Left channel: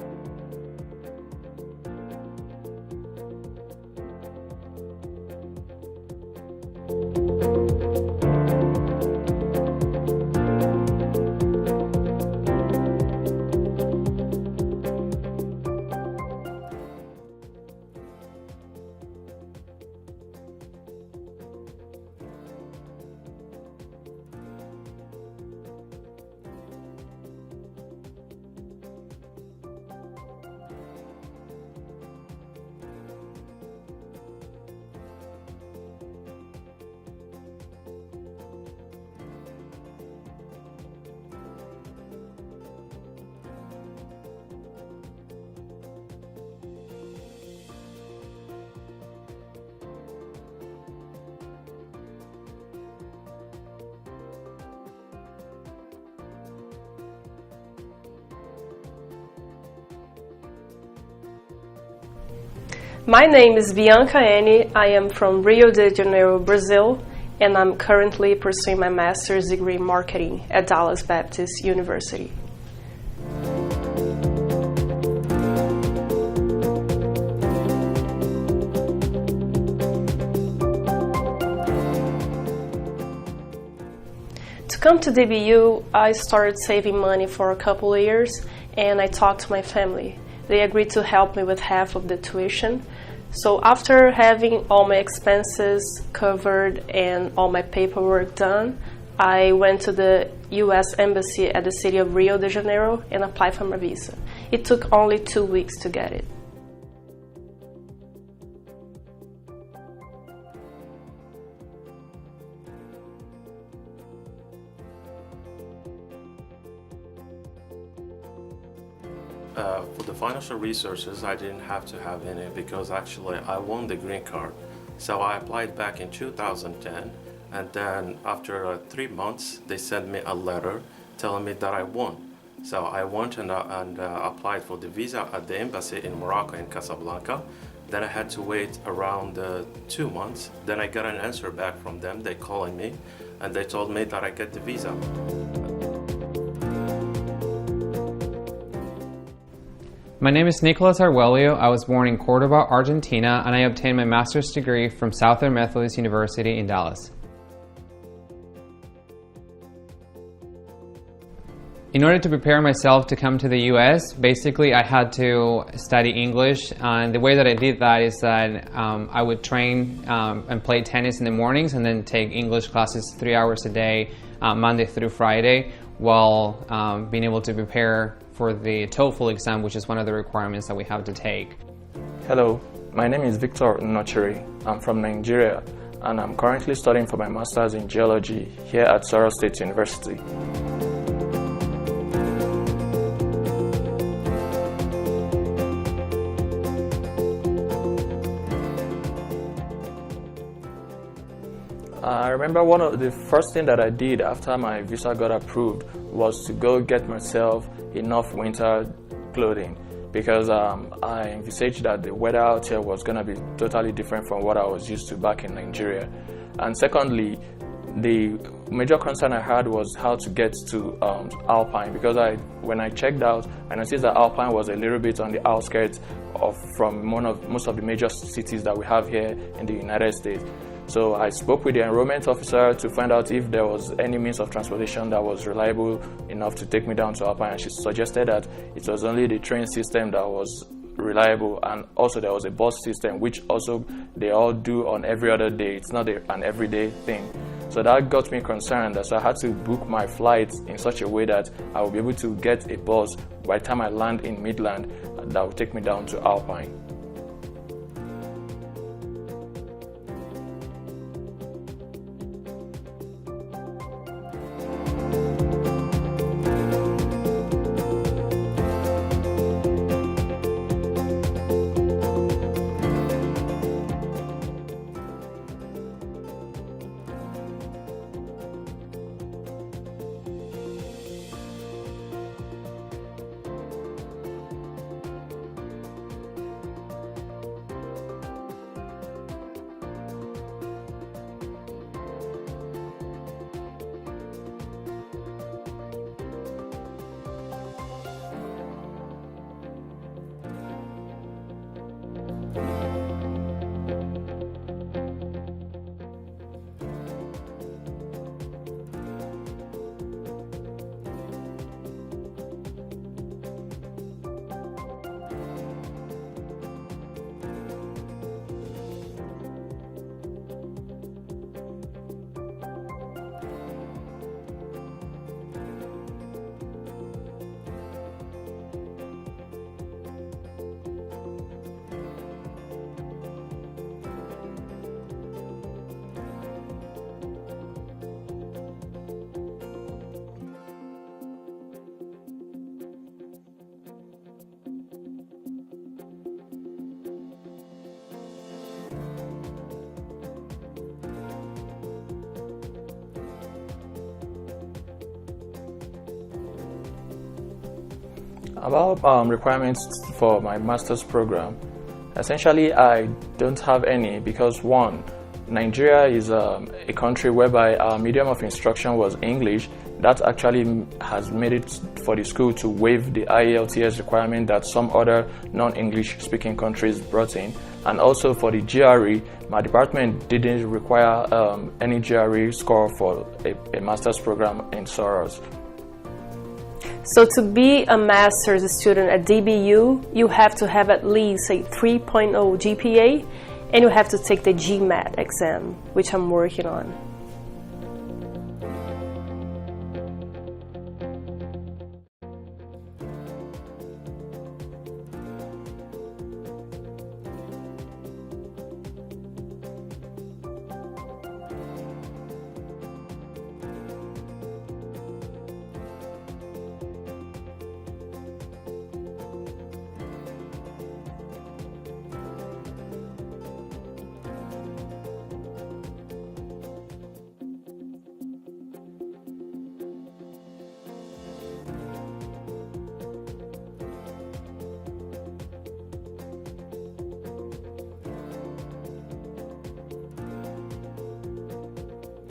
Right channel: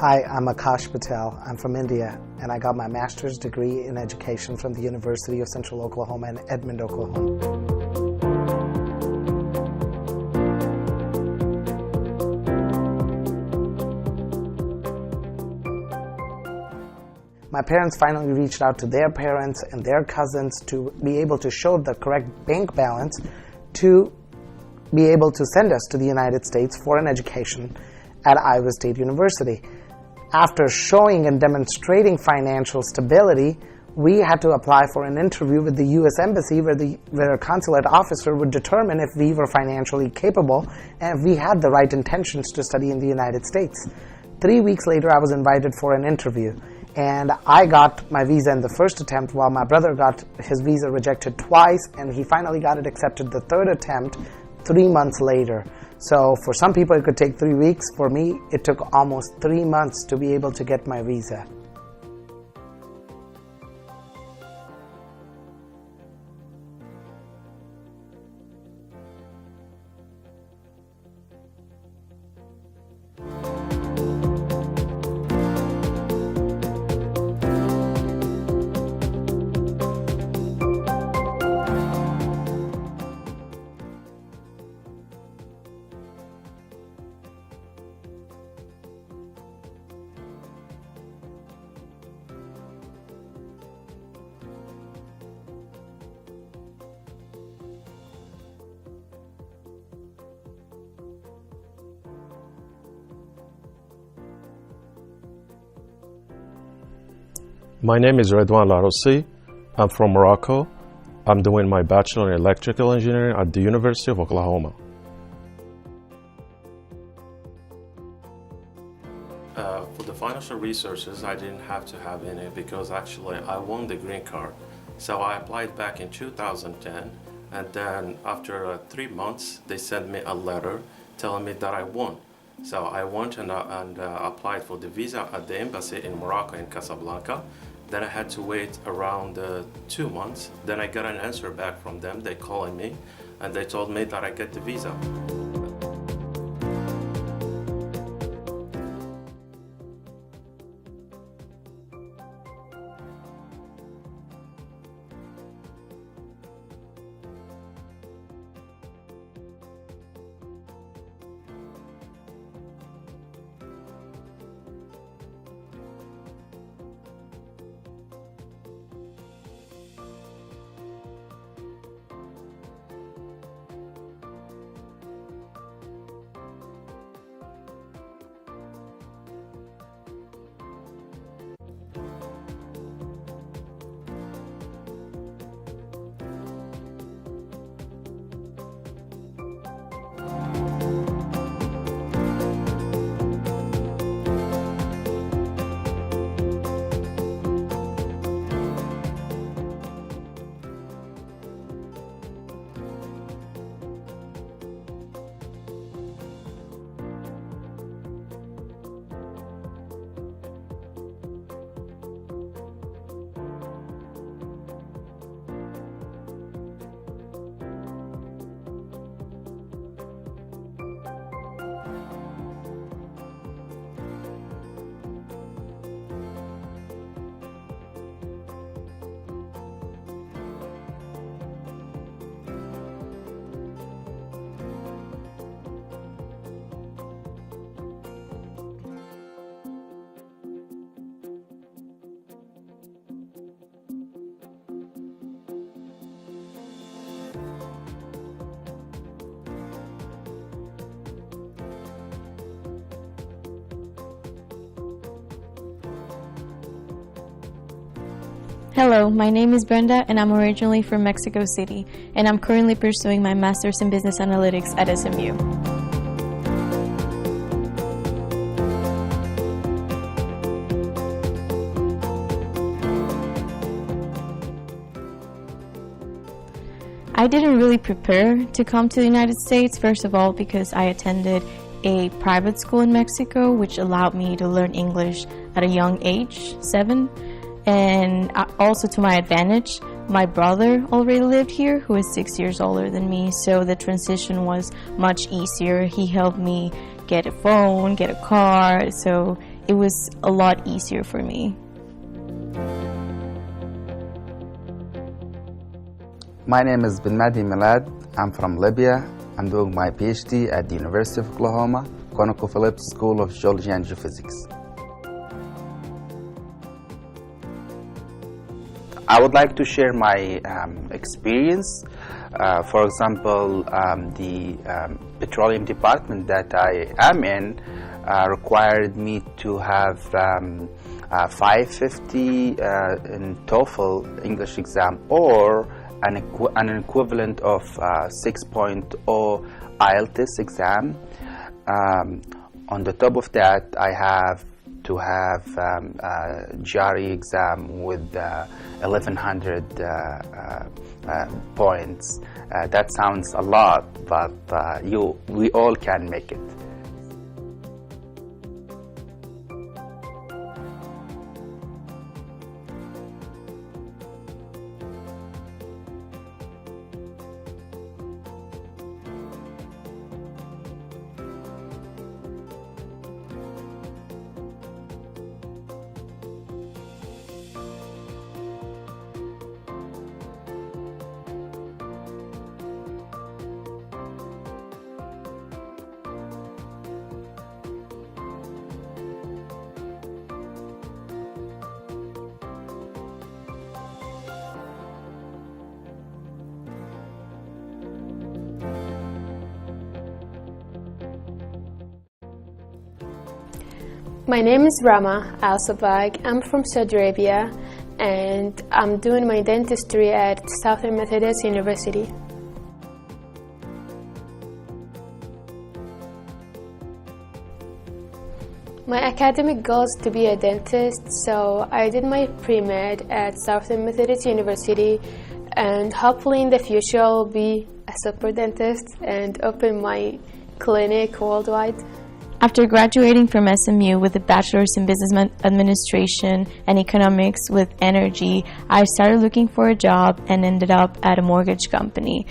Hi, I'm Akash Patel. I'm from India, and I got my master's degree in education from the University of Central Oklahoma in Edmond, Oklahoma. My parents finally reached out to their parents and their cousins to be able to show the correct bank balance to be able to send us to the United States for an education at Iowa State University. After showing and demonstrating financial stability, we had to apply for an interview with the U.S. Embassy where a consulate officer would determine if we were financially capable and if we had the right intentions to study in the United States. 3 weeks later, I was invited for an interview, and I got my visa in the first attempt while my brother got his visa rejected twice, and he finally got it accepted the third attempt 3 months later. So for some people it could take 3 weeks. For me, it took almost 3 months to be able to get my visa. My name is Bianca Eni. I am from Rio de Janeiro, Brazil, and I'm currently pursuing my master's degree in marketing at Dallas Baptist University. To come to DBU, I started saving money for a couple of years, and I talked to my family. They agreed to help me with half of the tuition. So after having all my expenses covered and all my paperwork done, I went to the U.S. Embassy at the city of Rio de Janeiro and applied for my visa. It took only 2 weeks to get it. My name is Redwan Larossi. I'm from Morocco. I'm doing my bachelor in electrical engineering at the University of Oklahoma. For the financial resources, I didn't have to have any because actually I won the green card. So I applied back in 2010, and then after 3 months, they sent me a letter telling me that I won. So I went and applied for the visa at the embassy in Morocco in Casablanca. Then I had to wait around 2 months. Then I got an answer back from them. They called me and they told me that I get the visa. My name is Nicolas Arguello. I was born in Cordoba, Argentina, and I obtained my master's degree from Southern Methodist University in Dallas. In order to prepare myself to come to the U.S., basically I had to study English, and the way that I did that is that I would train and play tennis in the mornings and then take English classes 3 hours a day, Monday through Friday, while being able to prepare for the TOEFL exam, which is one of the requirements that we have to take. Hello, my name is Victor Nochiri. I'm from Nigeria, and I'm currently studying for my master's in geology here at Saral State University. I remember one of the first things that I did after my visa got approved was to go get myself enough winter clothing, because I envisaged that the weather out here was going to be totally different from what I was used to back in Nigeria. And secondly, the major concern I had was how to get to Alpine, because when I checked out, I noticed that Alpine was a little bit on the outskirts from most of the major cities that we have here in the United States. So I spoke with the enrollment officer to find out if there was any means of transportation that was reliable enough to take me down to Alpine, and she suggested that it was only the train system that was reliable, and also there was a bus system, which also they all do on every other day. It's not an everyday thing. So that got me concerned, so I had to book my flights in such a way that I will be able to get a bus by the time I land in Midland that will take me down to Alpine. Hello, my name is Brenda, and I'm originally from Mexico City, and I'm currently pursuing my Master's in Business Analytics at SMU. I didn't really prepare to come to the United States, first of all because I attended a private school in Mexico, which allowed me to learn English at a young age, 7. And also, to my advantage, my brother already lived here, who is 6 years older than me, so the transition was much easier. He helped me get a phone, get a car, so it was a lot easier for me. My name is Ben Mahdi Milad. I'm from Libya. I'm doing my PhD at the University of Oklahoma, ConocoPhillips School of Geology and Geophysics. I would like to share my experience. For example, the petroleum department that I am in required me to have 550 in TOEFL English exam, or an equivalent of 6.0 IELTS exam. On the top of that, I have to have a GRE exam with 1,100 points. That sounds a lot, but we all can make it. About requirements for my master's program, essentially I don't have any because, one, Nigeria is a country whereby our medium of instruction was English. That actually has made it for the school to waive the IELTS requirement that some other non-English speaking countries brought in. And also for the GRE, my department didn't require any GRE score for a master's program in Soros. So to be a master's student at DBU, you have to have at least a 3.0 GPA, and you have to take the GMAT exam, which I'm working on. My name is Rama Al-Sabag. I'm from Saudi Arabia, and I'm doing my dentistry at Southern Methodist University. My academic goal is to be a dentist, so I did my pre-med at Southern Methodist University, and hopefully in the future I'll be a super dentist and open my clinic worldwide. After graduating from SMU with a bachelor's in business administration and economics with energy, I started looking for a job and ended up at a mortgage company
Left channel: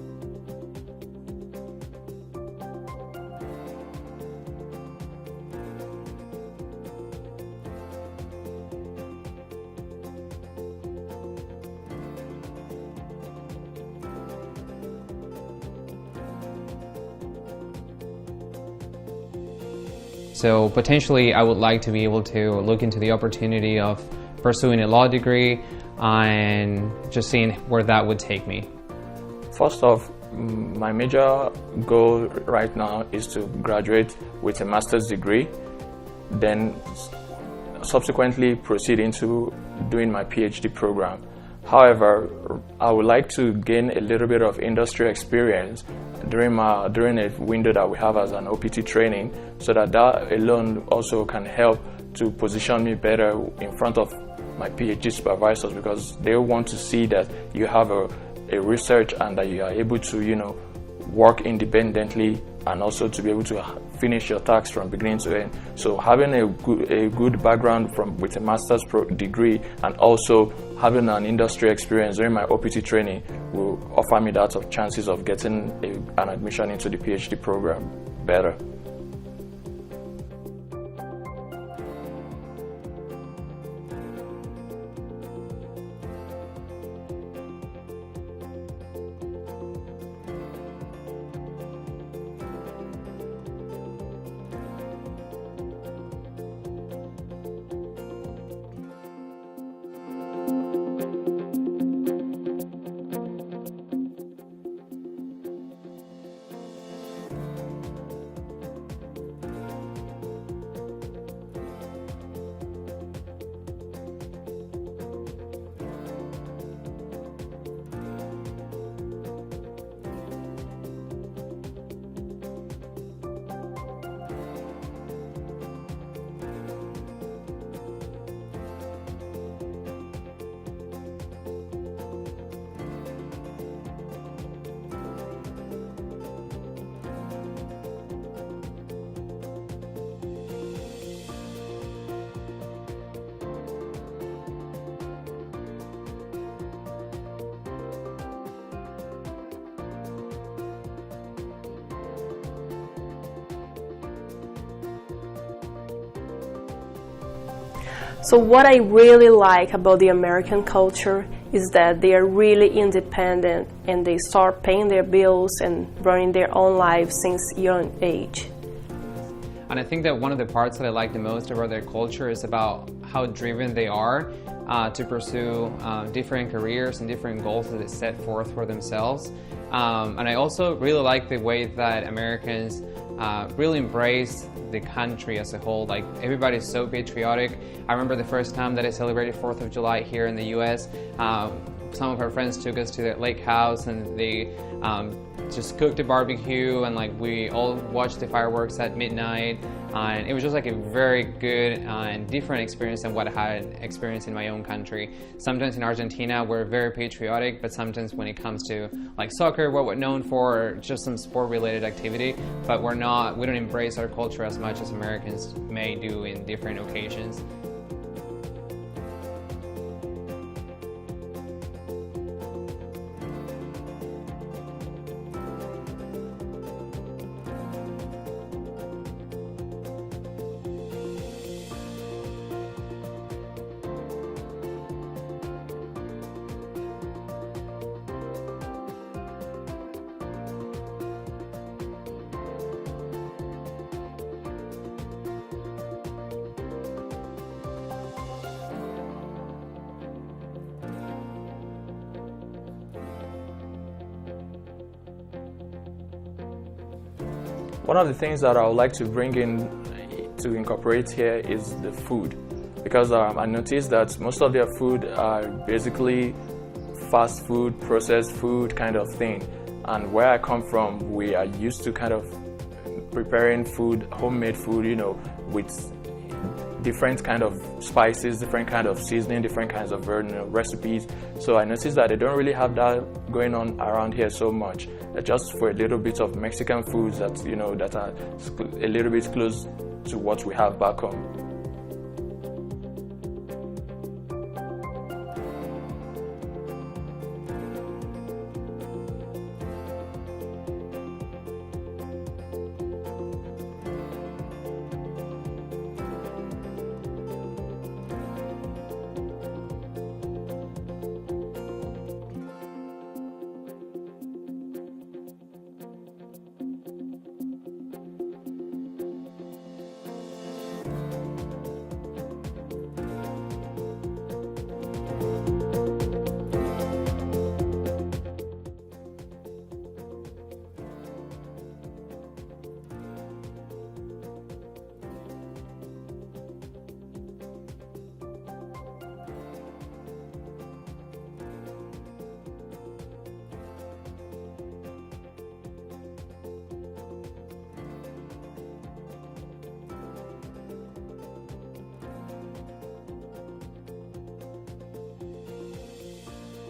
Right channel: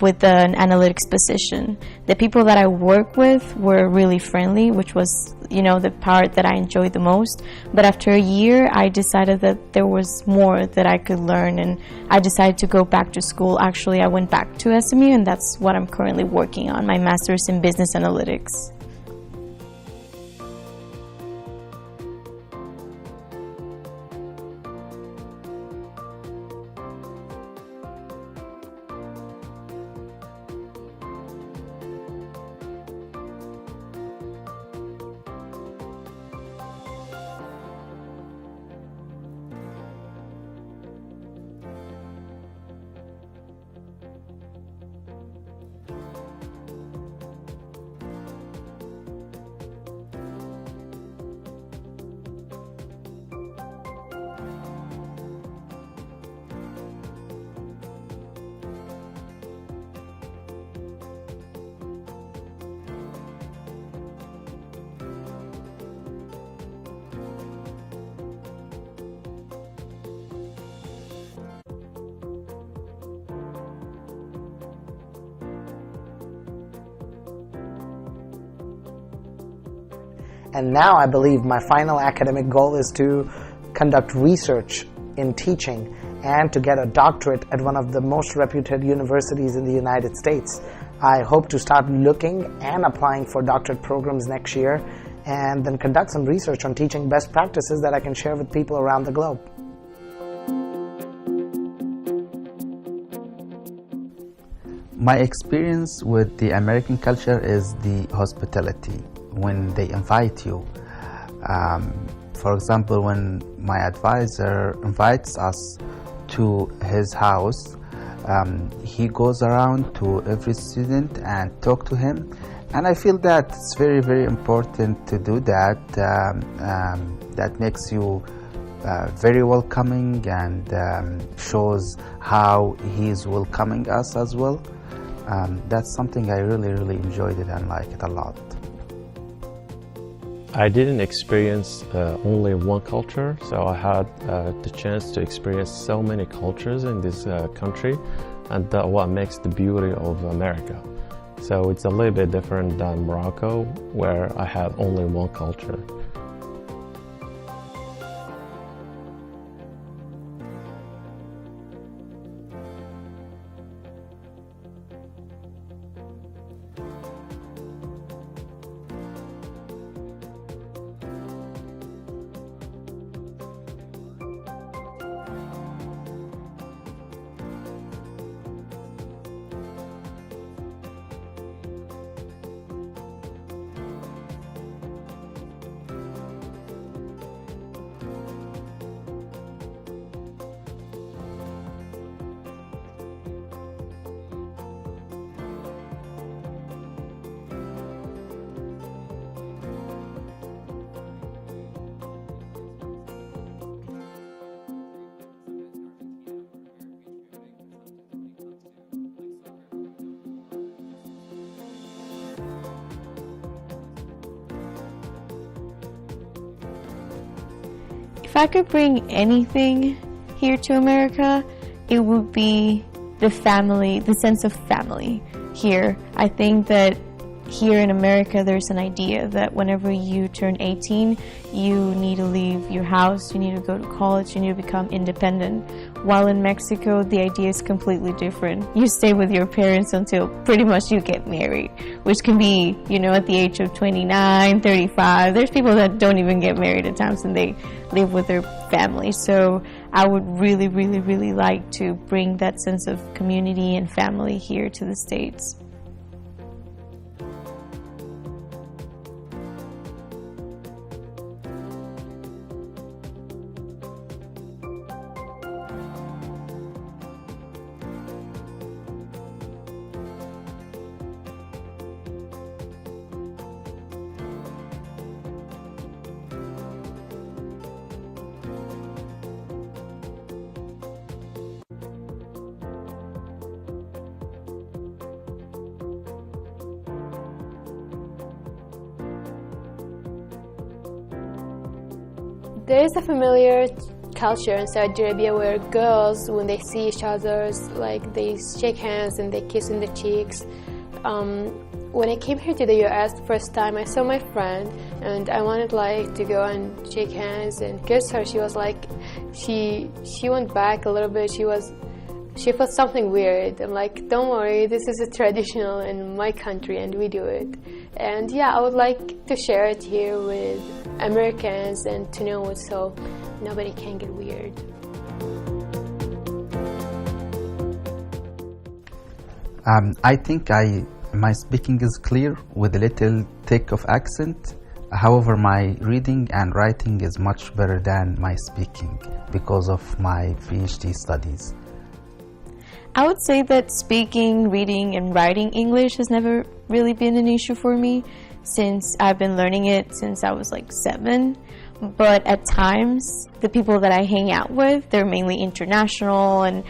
with an analytics position. The people that I work with were really friendly, which was, the part that I enjoyed the most. But after a year, I decided that there was more that I could learn, and I decided to go back to school. Actually, I went back to SMU, and that's what I'm currently working on, my master's in business analytics. So potentially I would like to be able to look into the opportunity of pursuing a law degree and just seeing where that would take me. First off, my major goal right now is to graduate with a master's degree, then subsequently proceed into doing my PhD program. However, I would like to gain a little bit of industry experience during a window that we have as an OPT training, so that alone also can help to position me better in front of my PhD supervisors, because they want to see that you have a research and that you are able to work independently, and also to be able to finish your tasks from beginning to end. So having a good background with a master's degree and also having an industry experience during my OPT training will offer me that of chances of getting an admission into the PhD program better. And now I believe my final academic goal is to conduct research in teaching and to get a doctorate at one of the most reputed universities in the United States. I hope to start looking and applying for doctorate programs next year, and then conduct some research on teaching best practices that I can share with people around the globe. My experience with the American culture is the hospitality when they invite you. For example, when my advisor invites us to his house, he goes around to every student and talk to him, and I feel that it's very, very important to do that. That makes you very welcoming and shows how he's welcoming us as well. That's something I really, really enjoyed it and like it a lot. I didn't experience only one culture, so I had the chance to experience so many cultures in this country, and that's what makes the beauty of America. So it's a little bit different than Morocco, where I had only one culture. So what I really like about the American culture is that they are really independent and they start paying their bills and running their own lives since young age. And I think that one of the parts that I like the most about their culture is about how driven they are to pursue different careers and different goals that they set forth for themselves. And I also really like the way that Americans really embrace the country as a whole. Like, everybody's so patriotic. I remember the first time that I celebrated 4th of July here in the US. Some of our friends took us to their lake house and they just cooked a barbecue, and like we all watched the fireworks at midnight, and it was just like a very good and different experience than what I had experienced in my own country. Sometimes in Argentina we're very patriotic, but sometimes when it comes to like soccer, what we're known for, or just some sport related activity, but we don't embrace our culture as much as Americans may do in different occasions. If I could bring anything here to America, it would be the family, the sense of family here. I think that here in America there's an idea that whenever you turn 18, you need to leave your house, you need to go to college, you need to become independent. While in Mexico, the idea is completely different. You stay with your parents until pretty much you get married, which can be, at the age of 29, 35. There's people that don't even get married at times and they live with their family. So I would really, really, really like to bring that sense of community and family here to the States. One of the things that I would like to bring in to incorporate here is the food, because I noticed that most of their food are basically fast food, processed food kind of thing. And where I come from, we are used to kind of preparing food, homemade food, with different kind of spices, different kind of seasoning, different kinds of recipes. So I noticed that they don't really have that going on around here so much. Just for a little bit of Mexican foods that that are a little bit close to what we have back home. There is a familiar culture in Saudi Arabia where girls, when they see each other, like they shake hands and they kiss in the cheeks. When I came here to the US the first time, I saw my friend and I wanted to go and shake hands and kiss her. She was like, she went back a little bit. She felt something weird. I'm like, don't worry, this is a traditional in my country and we do it. And yeah, I would like to share it here with Americans and to know it so nobody can get weird. I think my speaking is clear with a little thick of accent. However, my reading and writing is much better than my speaking because of my PhD studies. I would say that speaking, reading, and writing English has never really been an issue for me since I've been learning it since I was like 7. But at times, the people that I hang out with, they're mainly international, and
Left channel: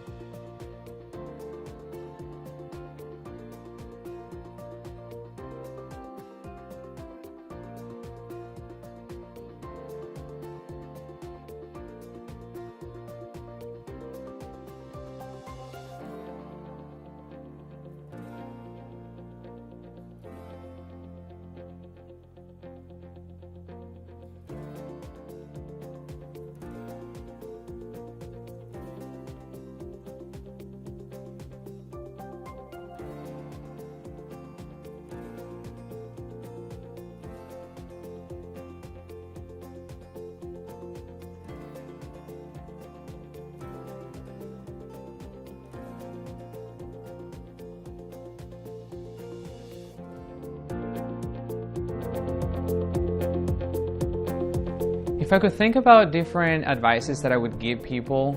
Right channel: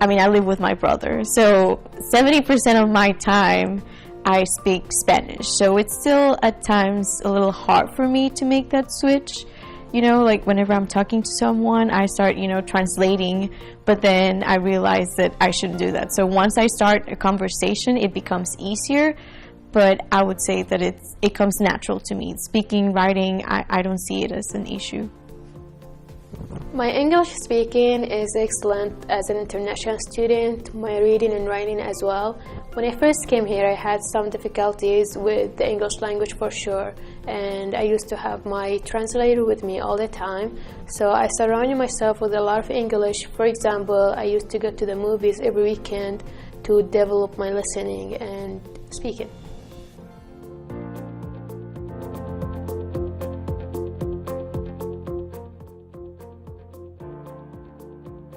I live with my brother. So 70% of my time, I speak Spanish. So it's still at times a little hard for me to make that switch. Like whenever I'm talking to someone, I start, translating, but then I realize that I shouldn't do that. So once I start a conversation, it becomes easier, but I would say that it comes natural to me. Speaking, writing, I don't see it as an issue. My English speaking is excellent as an international student, my reading and writing as well. When I first came here, I had some difficulties with the English language for sure, and I used to have my translator with me all the time, so I surrounded myself with a lot of English. For example, I used to go to the movies every weekend to develop my listening and speaking. If I could think about different advices that I would give people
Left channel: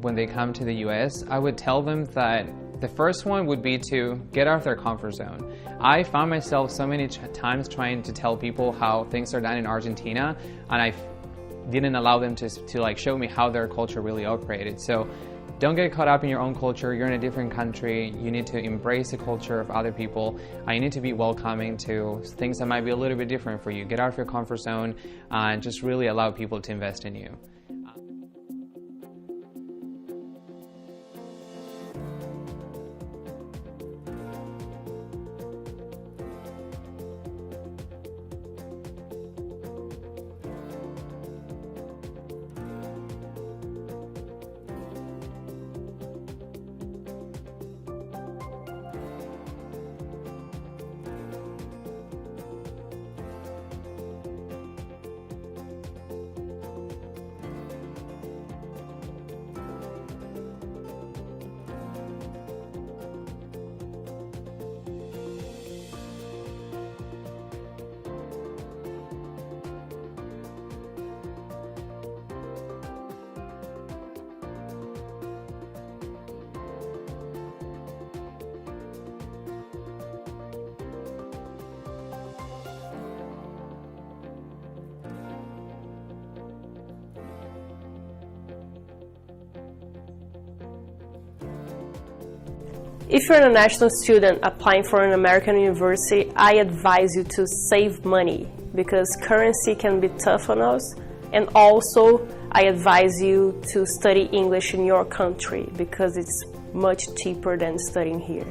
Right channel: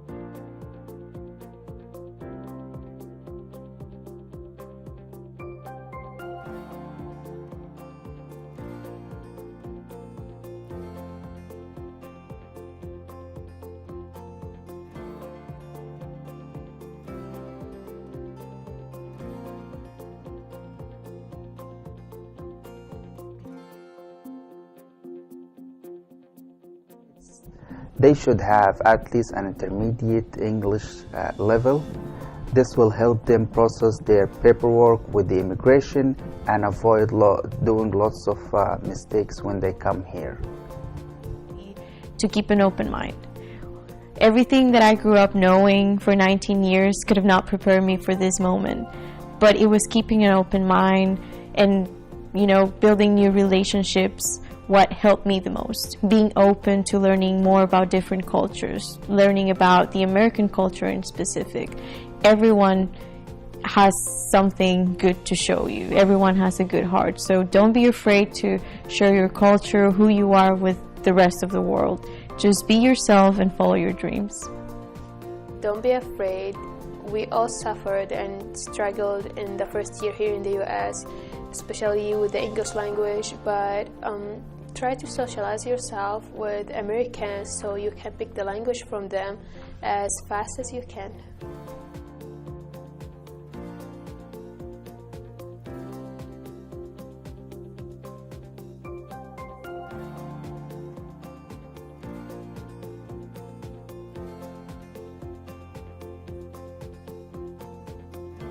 when they come to the US, I would tell them that the first one would be to get out of their comfort zone. I found myself so many times trying to tell people how things are done in Argentina, and I didn't allow them to show me how their culture really operated. So don't get caught up in your own culture. You're in a different country. You need to embrace the culture of other people. You need to be welcoming to things that might be a little bit different for you. Get out of your comfort zone and just really allow people to invest in you. They should have at least an intermediate English level. This will help them process their paperwork with the immigration and avoid doing lots of mistakes when they come here. to keep an open mind. Everything that I grew up knowing for 19 years could have not prepared me for this moment, but it was keeping an open mind and, you know, building new relationships what helped me the most. Being open to learning more about different cultures, learning about the American culture in specific. Everyone has something good to show you. Everyone has a good heart. So don't be afraid to share your culture, who you are with the rest of the world. Just be yourself and follow your dreams. Don't be afraid. We all suffered and struggled in the first year here in the US, especially with the English language, but try to socialize yourself with Americans so you can pick the language from them as fast as you can. If you're an international student applying for an American university, I advise you to save money because currency can be tough on us. And also, I advise you to study English in your country because it's much cheaper than studying here.